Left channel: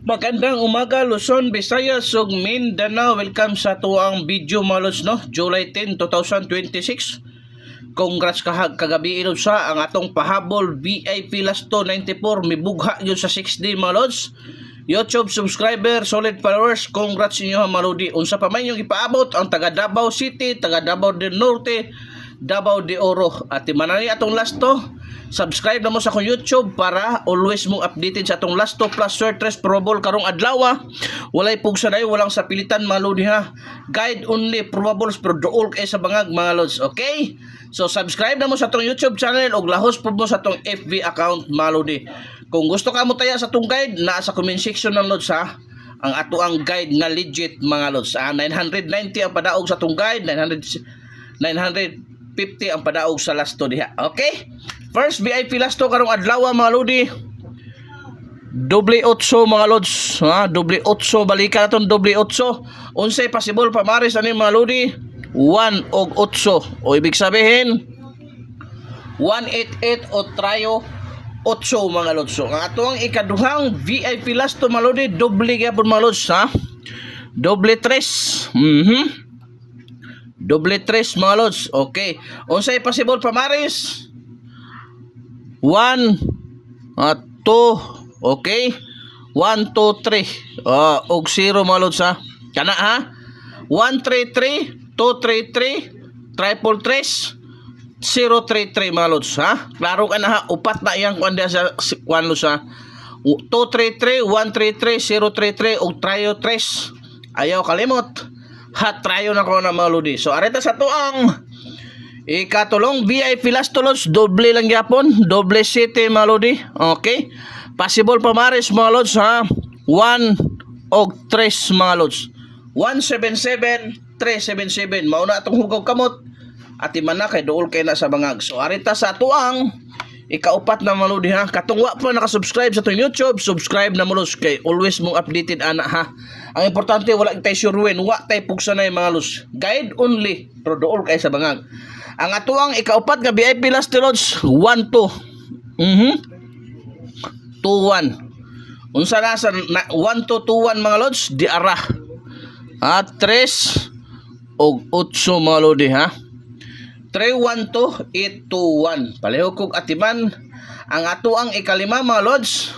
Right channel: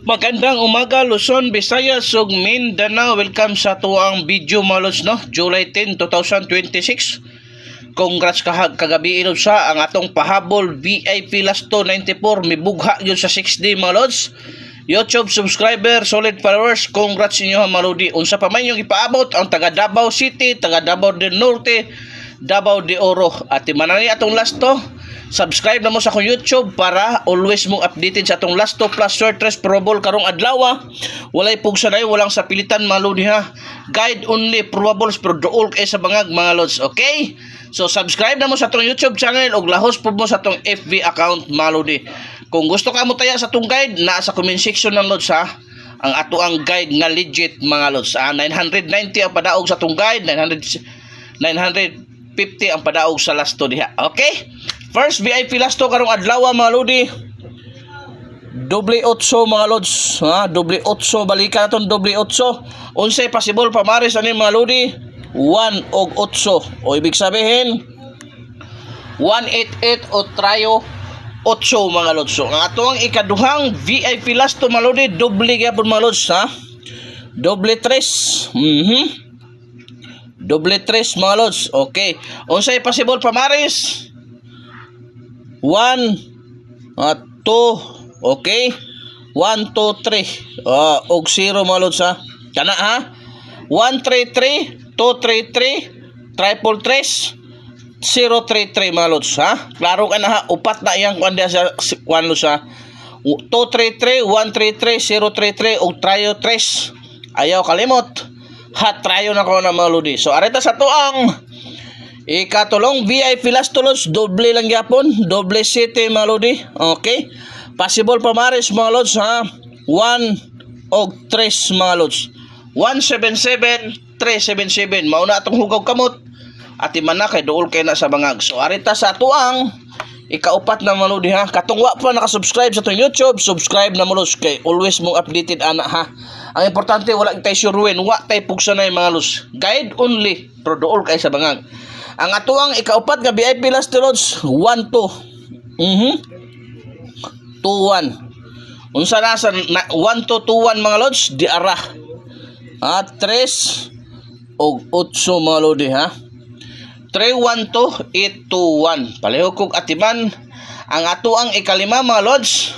Magandang umaga Luzon, Visayas ug Mindanao. Welcome sa tuang video mga lods, no? July 10, 2026. Congrats kagabi ilod sa ang atong pahabol VIP Lasto 94 mibugha yun sa 6D mga lods. YouTube subscriber, solid followers, congrats inyo mga lodi. Unsa pa man yung ipaabot ang taga Davao City, taga Davao del Norte, Davao de Oro. At manani atong Lasto. Subscribe na mo sa akong YouTube para always mong updated sa atong Lasto plus Sortres probable karong adlaw. Walay pugsanay, walang sapilitan mga lodi ha. Guide only probables pero dool kay sa bangag mga lods. Okay? So subscribe na mo sa atong YouTube channel ug lahos po mo sa atong FB account mga lodi. Kung gusto ka mo taya sa atong guide, naa sa comment section ng lods ha. Ang ato ang guide nga legit mga lods. 990 ang padaog sa atong guide, 950 ang padaog sa Lasto diha. Okay? First VIP Lasto karong adlaw mga lodi. Doble 8 mga lods, ha? Doble 8 balikan naton doble 8. Unsay possible pamaris ani mga lodi? 1 og 8. O ibig sabihin 188 o trayo 8 mga lods. So ang ato ang ikaduhang VIP Lasto mga lodi, doble gyapon mga lods, ha? Doble 3. Doble 3 mga lods. Okay. Unsay possible pamaris? 1 2, okay? 1 2 3 og 0 mga lods ha. Kana ha? 133 233 triple 3 033 mga lods ha. Klaro ka na ha. Upat na iyang kuan sa kuan lods ha. 233 133 033 og trayo 3. Ayaw kalimot. Ha trayo na ko na mga lodi. So areta sa tuang ikatulong VIP Lasto lods, doble lang yapon, doble 7 mga lodi. Okay? Possible pamaris mga lods ha. 1 og 3 mga lods. 177 377. Mauna atong hugaw kamot. At imana kay dool kay na sa bangag. So arita sa tuang ikaupat na mga lodi ha. Katungwa pa nakasubscribe sa itong YouTube, subscribe na mo lods kay always mong updated ana ha. Ang importante wala tay suruin, wa tay pugsanay mga lods. Guide only, pero dool kay sa bangag. Ang atuang ikaupat nga VIP Lasto lods 1 2. 2 1. Unsa na sa 1 2 2 1 mga lods di ara. At 3 og 8 mga lodi ha. 3 1 2 8 2 1. Pareho kog atiman. Ang atuang ikalima mga lods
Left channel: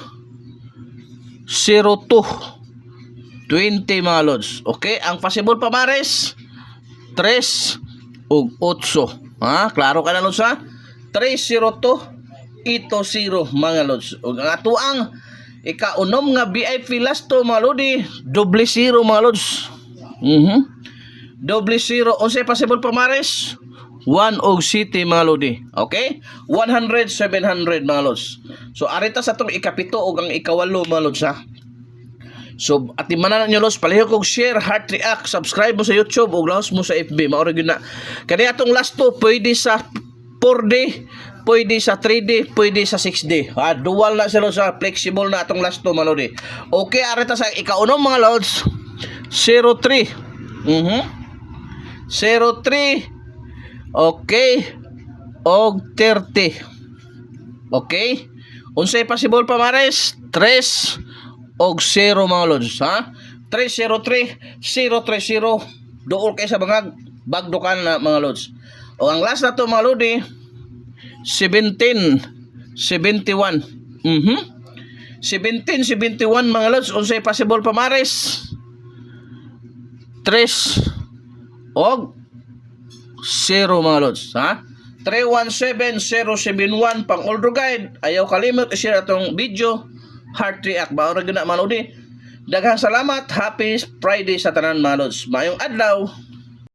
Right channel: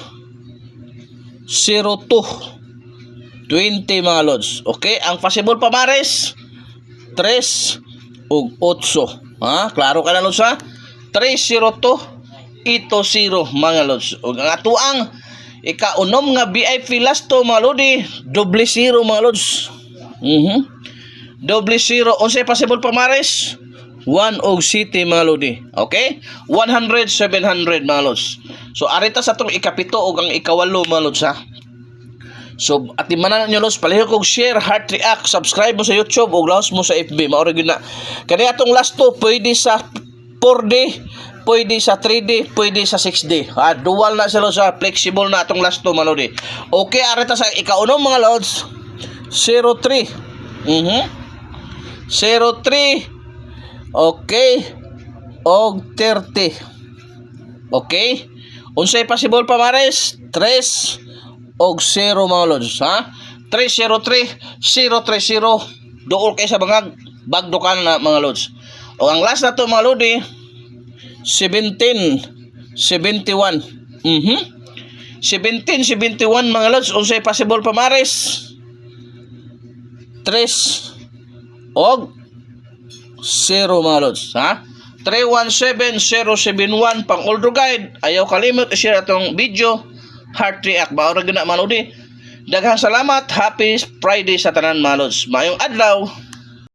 0 2 20 mga lods. Okay, ang possible pamares 3 og 8. Ha, klaro ka na lods ha. 302 ito 0 mga lods. Ug ang atuang ikaunom nga VIP Lasto mga lodi, doble 0 mga lods. Doble 0. Unsay possible pamares? 1 og city mga lodi. Okay? 100 700 mga lods. So arita sa tong ikapito ug ang ikawalo mga lods ha. So at imanan nyo lods, palihog kog share, heart react, subscribe mo sa YouTube ug lahos mo sa FB. Maoro gyud na. Kani atong Lasto pwede sa 4D, pwede sa 3D, pwede sa 6D. Ha, dual na sila sa flexible na atong Lasto malodi. Okay, arita sa ikaunom mga lods 03. 03. Okay. Og 30. Okay? Unsay possible pamares? 3 og 0 mga lods ha. 303 030 dool kay sa bangag bagdukan na mga lods. O ang last na to mga lodi 17 71. 17 71 mga lods. Unsay possible pamares? 3 og 0 mga lods ha. 317 071 pang older guide. Ayaw kalimot i-share atong video, heart react. Maura gina mga lodi. Daghang salamat. Happy Friday sa tanan mga lods. Mayong adlaw.